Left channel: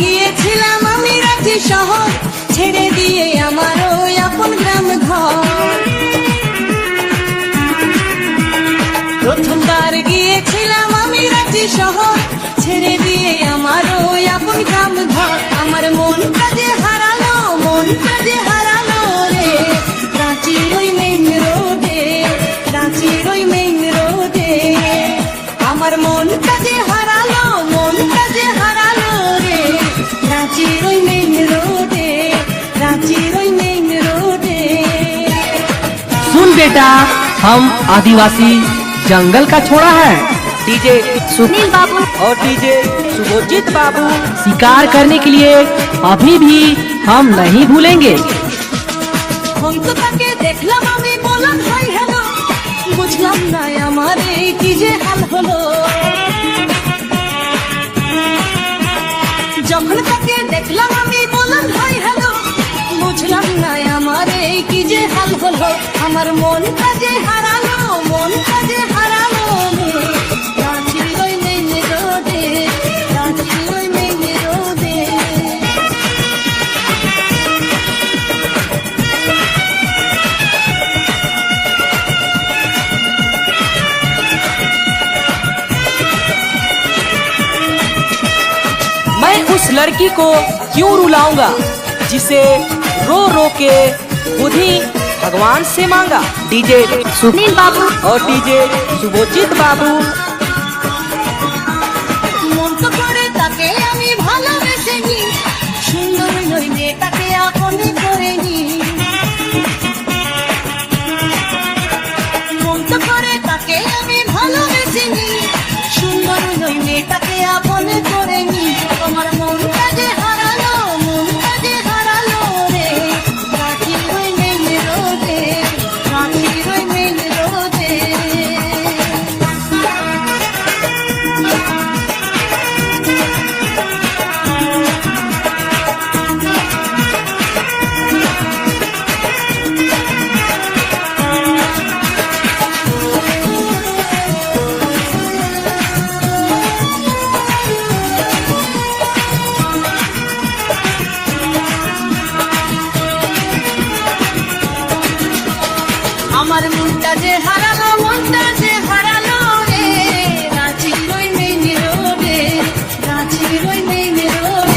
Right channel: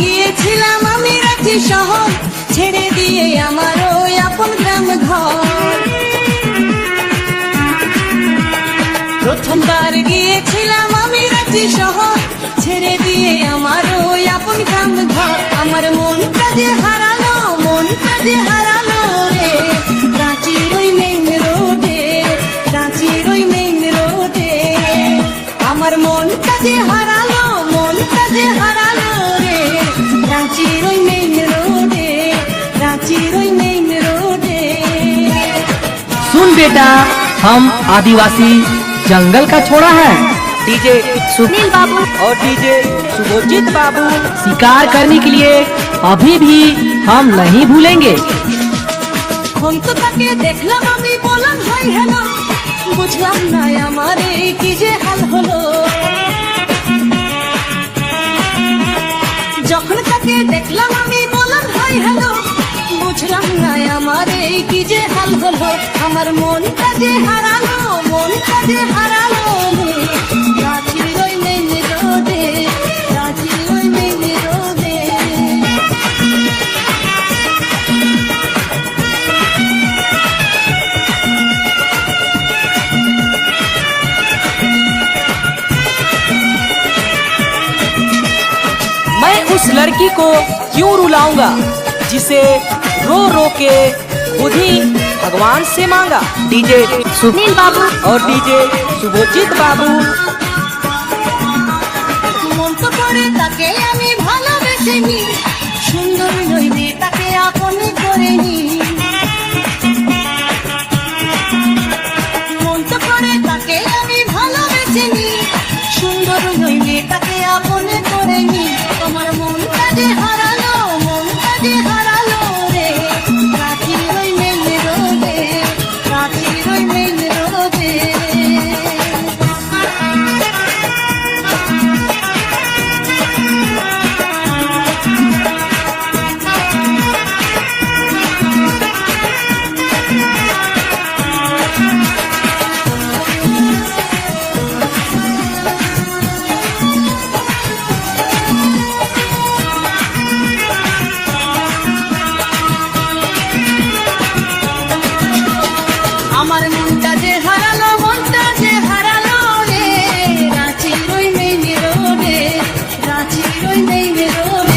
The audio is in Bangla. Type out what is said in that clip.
গিয়েছিলাম আমি রাঁচি শহর, ছেড়ে দিয়ে আমার ওই আপন গ্রাম ঘর। প্রথমবার গিয়েছিলাম আমি রাঁচি শহর, ছেড়ে দিয়ে আমার ওই আপন গ্রাম ঘর। আমার মনটা যে হারালো, মনটা যে হারালো রে, রাঁচির ওই মেইন রোডে, রাঁচির ওই মেইন রোডে। আমার মনটা যে হারালো, মনটা যে হারালো রে, রাঁচির ওই মেইন রোডে, রাঁচির ওই মেইন রোडे। सुन बेटा, हम आदिवासी जंगल का छोड़ा है। डीजे सुनील बाबू और डीजे शुभजीत बाबू शिकार करने के लिए अभी भी हम नहीं भूलेंगे। हम तो ताके देखलाम আমি বললাম হাই হ্যালো, বুঝলাম না আমার এই কি যে হাল হলো। যখন তাকে দেখলাম আমি বললাম হাই হ্যালো, বুঝলাম না আমার এই কি যে হাল হলো। আমার মনটা যে হারালো, মনটা যে হারালো রে, রাঁচির ওই মেইন রোডে, রাঁচির ওই মেইন রোডে। मैं उस लड़की को क्यों रुलाऊंगा जिसे रो रो के खुद ही भगवान से मांगा। डीजे सुनील बाबू और डीजे शुभजीत बाबू মন তো করে তাকে আমি ভালোবেসে নি, সুন্দর ওই মেয়েটাকে আপন করে নি। মন তো করে তাকে আমি ভালোবেসে নি, সুন্দর ওই মেয়েটাকে আপন করে নি। তোমার মনটা যে হারালো, মনটা যে হারালো রে, রাঁচির ওই মেইন রোডে, রাঁচির ওই মেইন রোডে। আমার মনটা যে হারালো, মনটা যে হারালো রে, রাঁচির ওই মেইন রোডে, রাঁচির ওই মেইন রোডে।